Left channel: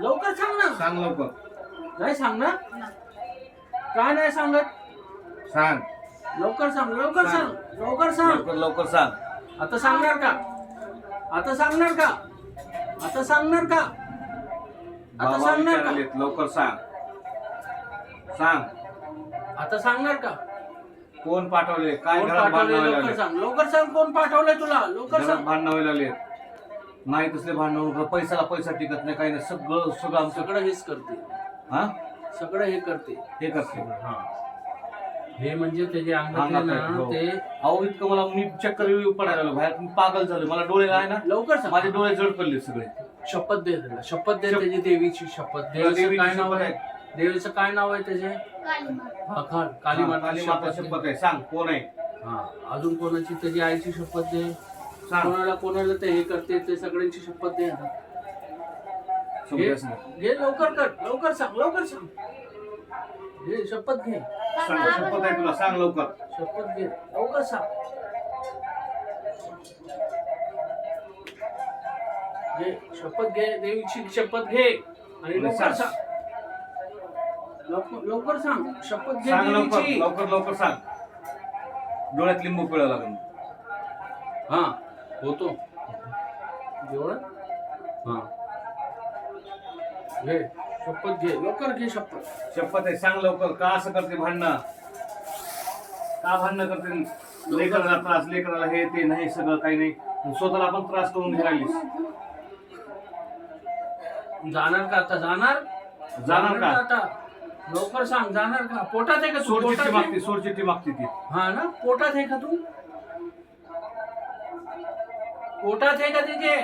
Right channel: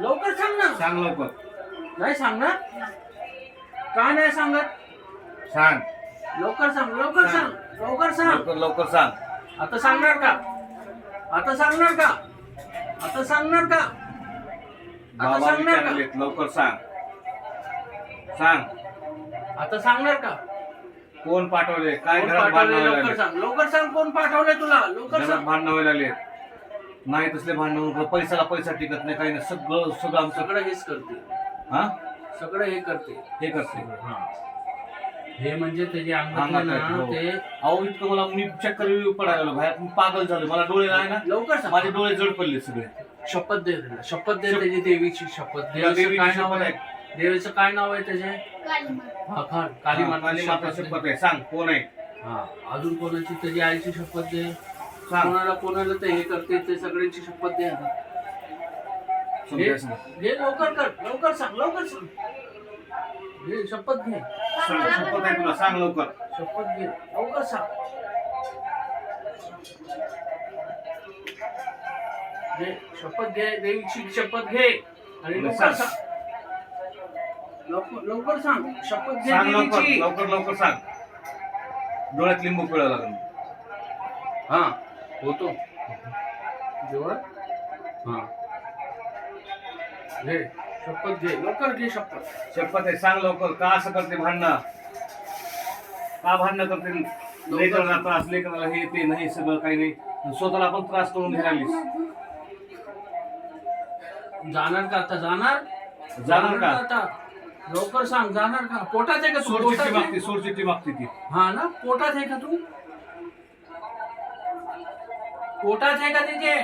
लवकर सांग ना. सांग लवकर. नाही सांगणार. का नाही सांगत? सांग लवकर सांग. लवकर सांग. लवकर सांग. लवकर लवकर सांग. आता सांगणार का? आता सांगणार का? आता सांगणार का? आता बाबा सांगणार का? विचारलेत, लवकर सांग. सांग आता सांगणार का? कोण पाठवले, काय कोण घरात भांडण पाठवले? व्हायला लवकर लागले, सांग. लवकर सांग. कोण पाठवले तुला? लवकर घरात सांग. भांडण व्हायला लागले. नाही तसले भांडण, पैशाला पैसा टिकत नाही, काही नाही. सगळं सगळं आमचं. सगळं हेच करते. हा सगळं हे करते. हे करते. हा. हे म्हणजे त्याचे अंगात अंगात ना आहे, हो. ते. अहो इतकं मला मी चक्कर पडायला लागलो बाहेर, मी पागल झालो. मला डोळे आहे ना, लवकर सांग. माझे डोळे जड पडले सगळे. शपथ दे त्याला. शपथ दे त्याची देवीची शपथ. देवीचं देवीची काय नाव शपथ आहे? देवीचं काय नाव आहे त्याचे? हा काली काली माता माता शपथ आहे. सांग कोण आहे. हा. अजून कोणाची त्याची आईची शपथ दे. सांग. कोणाला कोणाला ते हे करते ते सगळ्यांची शपथ दे. समजायचं. घे लवकर कर. लवकर सांग. लवकर सांग. घे शपथ घे. सांग शपथ आहे तुला, सांग लवकर. शपथ घे. लवकर सांग. घे शपथ घे. देवीची शपथ घे आणि लवकर सांग. लवकर सांग. शपथ घे सांग लवकर देवीची. लवकर लवकर सांग. डोळ्यात लिंबू पिळा लागून. हा होतो जेवण. हा घे शपथ घे. लवकर घे शपथ. शपथ आहे, सांग लवकर. का असं करते भांडणं? का भांडणं करते? लेकराला त्रास, लेकराला हे ते नाही, सगळं काही नाही. स्वतःला आपण त्रास करून घ्यायलीस. जाणार का आता? जाणार जाणार का? आता? लवकर सांग. जाणार का? पोटात आहे का तू? सोडचिठ्ठी पोटात मागते, आहे? सोडचिठ्ठी मागते ती. हा ना. पोटात आहे का तू? पोटात आहे का तिथे?